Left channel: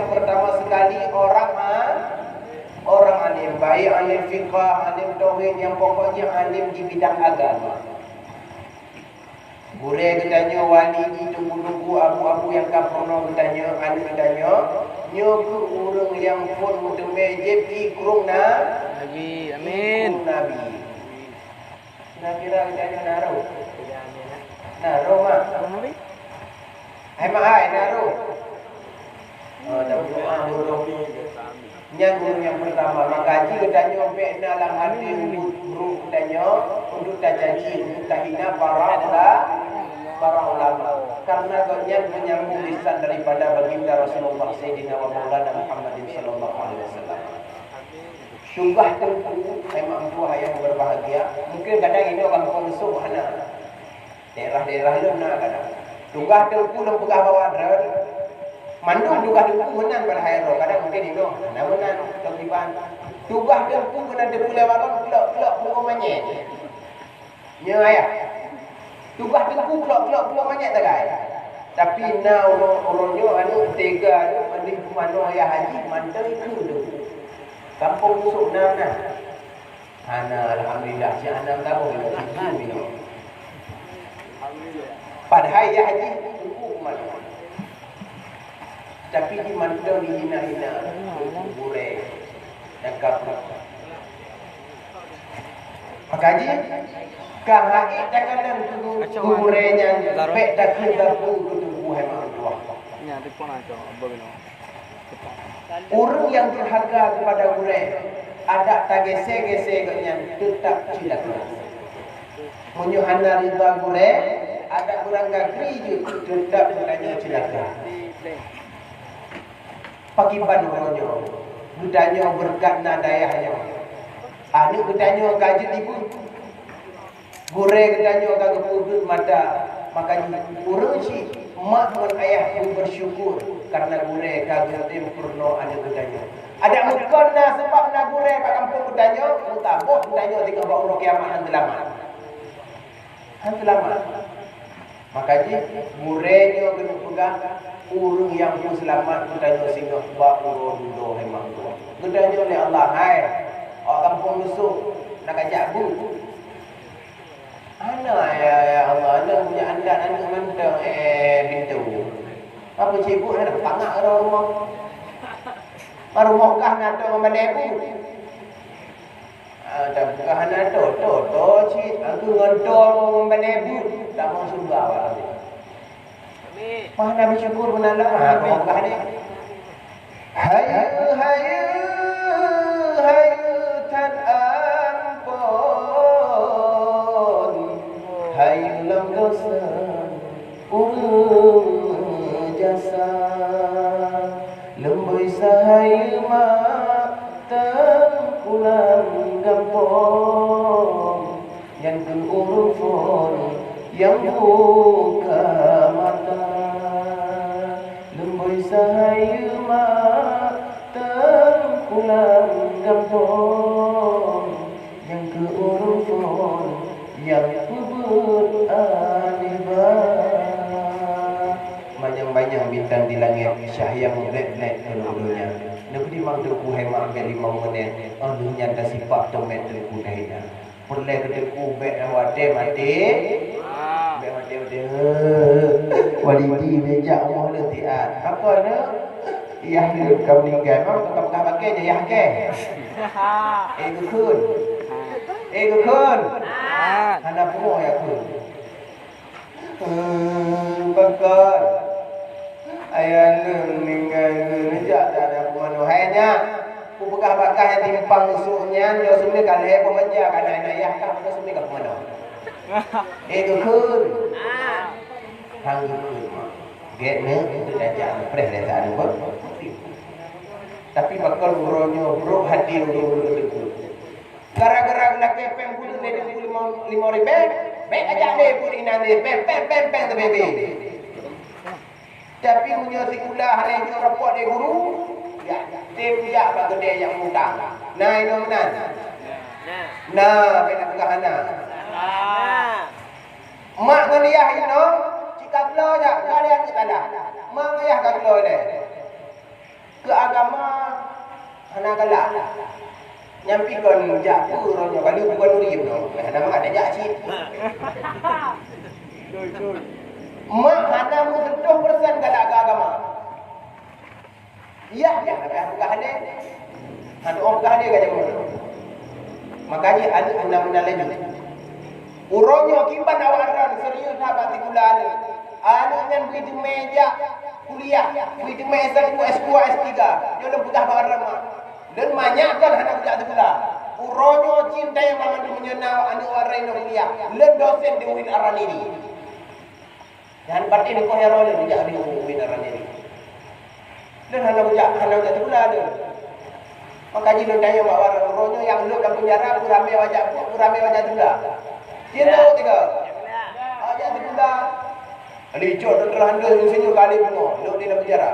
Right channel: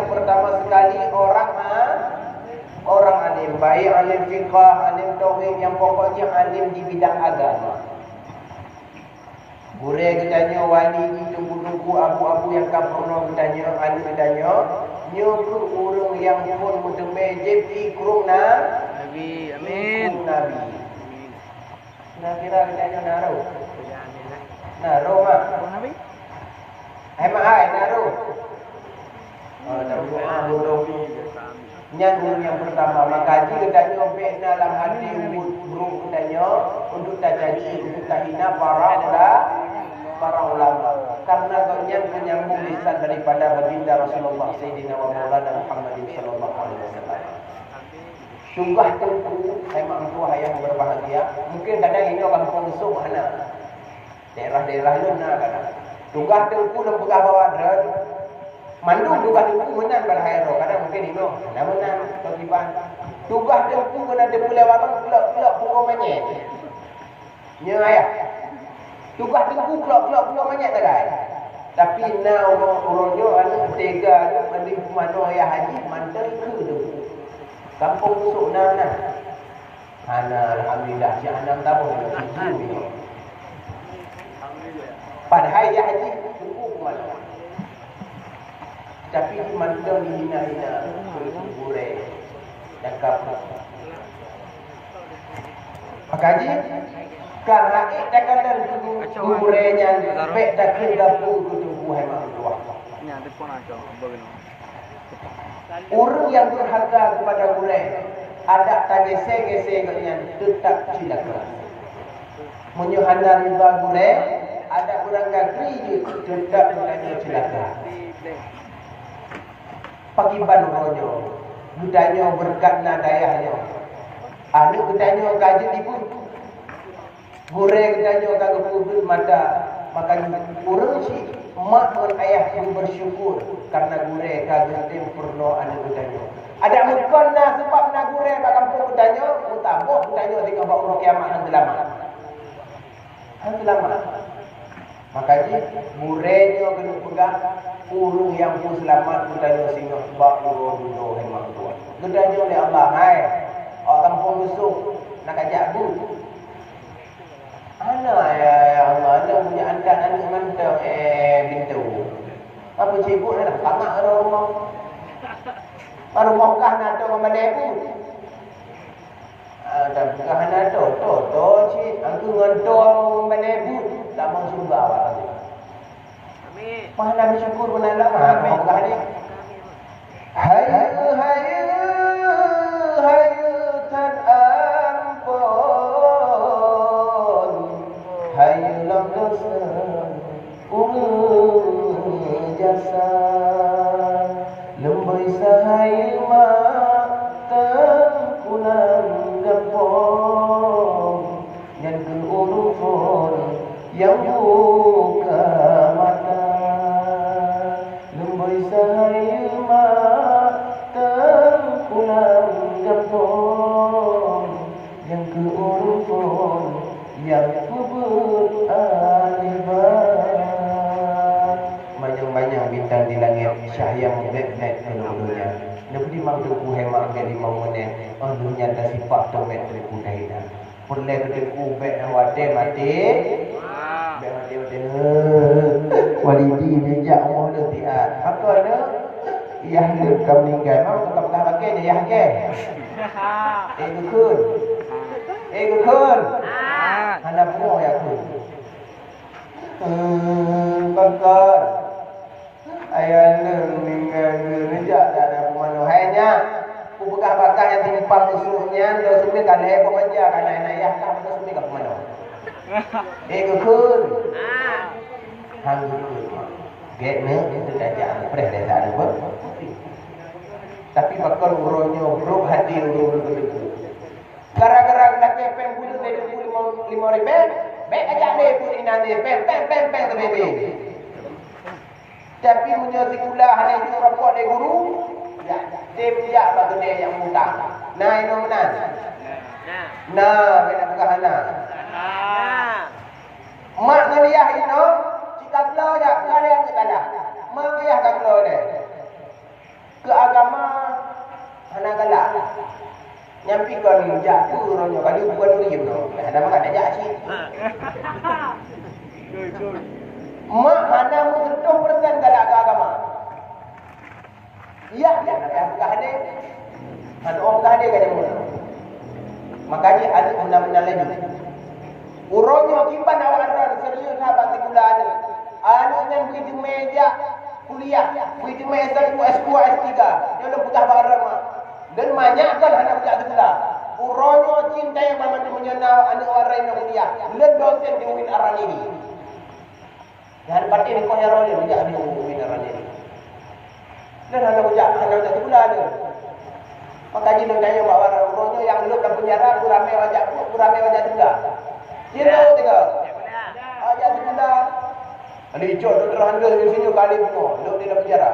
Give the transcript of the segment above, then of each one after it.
yang pertama sekali orang alim, baik alim fiqah, alim tauhid, yang pokoknya alim di bidang agama. Boleh bertanya wali ni tunggu-tunggu abu-abu yang kaprono bertanya, alim bertanya, nyo ke urung yang pun mutemejib ikrung Nabi, amin. Ikrung Nabi. Nak kira bertanya naruh. Naruh mak. Nabi. Hai mak hai naruh. Dah burung. Yang yang pertama, maka jika tanya be'na dalam hati buruk tanya untuk tak caci, untuk tak hina para ulama. Karena konyen menyambung lisan daripada baginda Rasulullah Sayyidina wa Maulana Muhammadin sallallahu alaihi wasallam. Tunggah tengku, saya mampu yang berbahagia. Mungkin kadang ini orang pengusung mana? Daerah-daerah luna kadang. Tunggah tengku dan pegah bawa drone. Mandung tunggah tengku menan pada hairo. Kadang mungkin ini menan kegiban. Tunggah tengku kena depulai warang kelak pukul manyet. Nya ayah. Tunggah tengku kelak manyet tak gaya. Tapi na orangnya anu tega anu mandi mana ayah haji mantel ke tu. Kampung musuh na. Ana alhamdulillah si anak tahu ni. Padahal ya haji tunggu ke mana. Tapi di mantel di hina-hina bergurau dan kapal. Makaji kan lagi dah kena gurenya pek dah kena tu buah mak. Nya telefon aja. Orang yang berharga kepada gurau ada tak gesek-gesek yang tetap silaturahmi. Menyuhana riba gurau ada orang gagri je tetap bertanya silaturahmi. Pakiban ronyo budaya berkat nadayahnya. Anu budaya kaji ibu gurau budaya kagak pudut mata makanya urang si mak dan ayah pun bersyukur karena gurau kagak sempurna anu budaya. Ada mukanya sebab nak gurau pada kampung budaya mutaboh budaya dengan bawa kiamat han selamat. Makanya guraunya kena pegang urung yang pun selamat budaya singa bak urung do hemang tu. Budaya oleh Allah hai orang kampung musuh nak ajak bu. Ana ya Allah, ana punya anak mantang bintu. Apa cikgu nak tamak rumah. Baru mokah nak tu mana ibu. Dah bukan anak tu cik. Aku ngontor mana ibu. Tak mau surga awak. Amin. Mana bersyukur benar lah mokah ni. Hai tan ampun. Hai lam dosa jasa lembui sahai tengkulan gampong yang berurufun yang buka mata lembui sahai tengkulan gampong yang berurufun yang kubur alibat banyak bintang di langit cahaya memblek-blek dulu-dulunya lebih mang tu ku hemang ke 5 menit dunia tak sifat tu mek tu ku dah perle ke ku bek wate mati bek mati walidi mejak mo le tiat apa ne yah le kam meninggal mau tetap tak pakai je yah ke kun ana pro ya kun bakar ayah meninggal sejak tak ada pemanu hanya pupukah bakah yang timpang musuhnya dah sumi kalai pemanjah kana ayah kah dah sumi kah pemanu kun hang kun get ne itu dah jangan pres dah tak ada pun tapi bakal uronyo bro hadir itu gara-gara nak kepeng pun dia 5 ribu baik aja deh pun inane pem tebe. Tapi punya sekulah ada yang report dari guru ya dia punya bagi dia yang muda nah ini mana nah kena pegahana mak ngeliah itu jika belo aja kalian ke tanah mak ayah kan belo deh ke agama hana galak. Nyampikan jatuh orangnya kali bukan urim no. Ya ada mak ada jak cik. Mak hana mu 100% galak ke agama. Ya, dia nak apa hane? Hana orang hane ke jamu. Makanya ada undang-undang lagi. Uronyo kimpan awaran serius sahabat bulan. Anu yang begitu meja kuliah, begitu meja S2, S3. Dia udah putah barang mak. Dan banyakkan anak budak sekolah. Uronyo cinta yang paman tu menyenang anak orang yang kuliah. Len dosen di UIN Aran ini. Dan batin ni kau hero le budak di UIN Aran ini. Dan anak budak sekolah ada. Maka di lendanya bawa orang uronyo yang lu dalam penjara purame wajah sekolah. Kira tiga. Wajah sekolah. Ada icot terang di sini kali penuh. Lu di dalam penjara.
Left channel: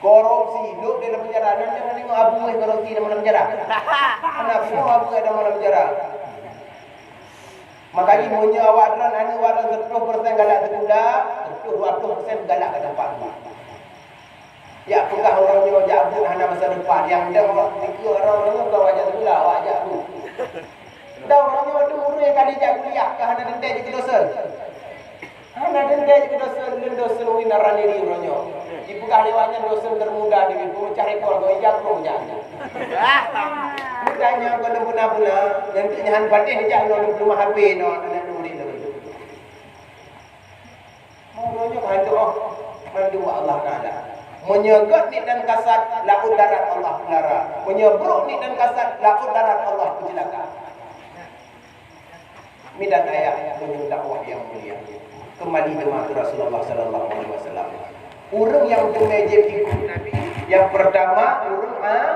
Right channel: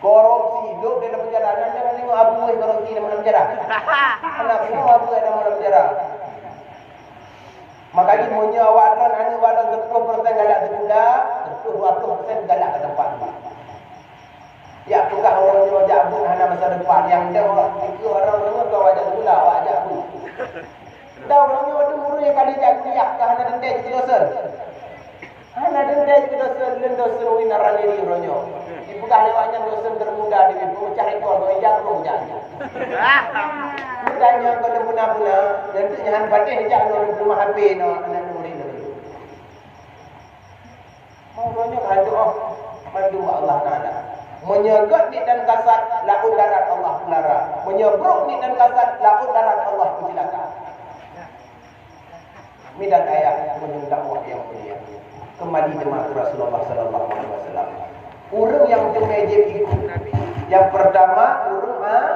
Korupsi, duduk dalam penjara. Dan jangan tengok abu korupsi dalam penjara. Kenapa tengok abu dalam penjara? Makanya punya awaran, anak awaran 100% galak sekolah, 20% galak ke tempat tu. Ya, apakah orang ni wajah abu hana masa depan yang dah buat tiga orang-orangnya kau wajah sekolah, wajah abu. Dah orangnya ada murid yang kali jak kuliah, ke hana dendai je dosa. Hana dendai je dosa, dosa UIN Aran ini orangnya. Dibuka lewatnya dosen termuda di pemecah rekor goyang rojanya. Mudanya kalau puna-puna yang tu jangan batin dia jangan belum HP no nak nuri lagi. Maunya kan doa mandu Allah Taala. Menyegot ni dan kasat laut darat Allah pelara. Menyebruk ni dan kasat laut darat Allah pencelaka. Midan ayat menyebut dakwah yang mulia. Kembali jemaah Rasulullah sallallahu alaihi wasallam. Orang yang bermejib ikut Nabi. Yang pertama, orang